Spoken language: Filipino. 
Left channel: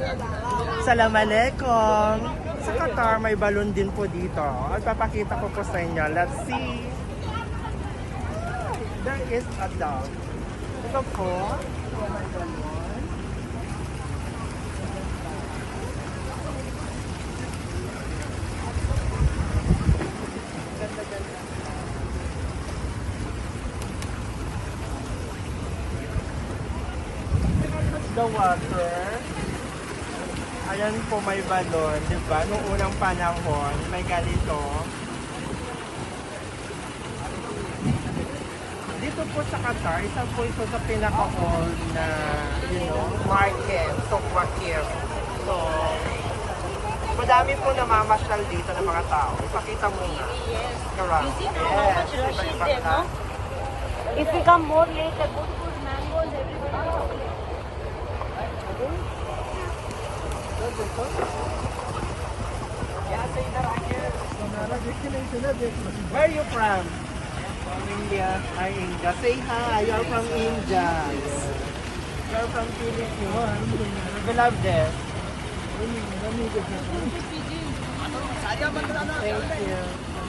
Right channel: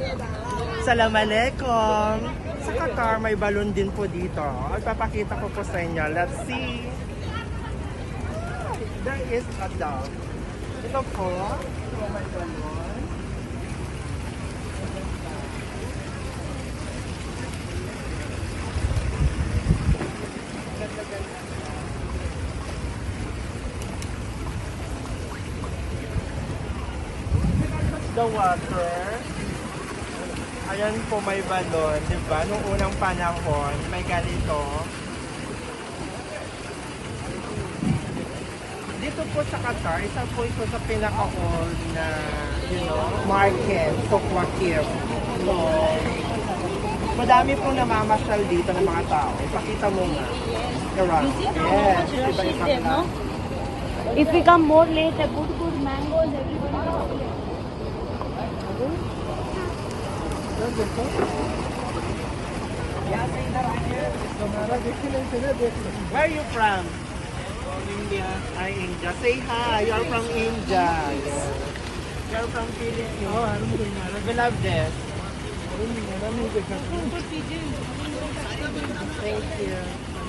Assalamualaikum. Sa Qatar, may balon din po dito. At papakita ko po sa inyo. Let's see. There is a dog. Ito po. So, may balon. Ganda-ganda. The water. Ayan po may balon, di ba? Noong unang panahon, may ganito. Dito po sa Qatar, isa po ito sa pinaka-old na, market, Sukwakir. So, madami po namamasyal dito ng mga tao. Ipakita mo nga. Around. Yes, iba-ibang If we come more later, good mangoes. Where are you from? From India. Hi, India. Say hi. You're from India. Yeah. You're from Philippines. We love this. Thank you.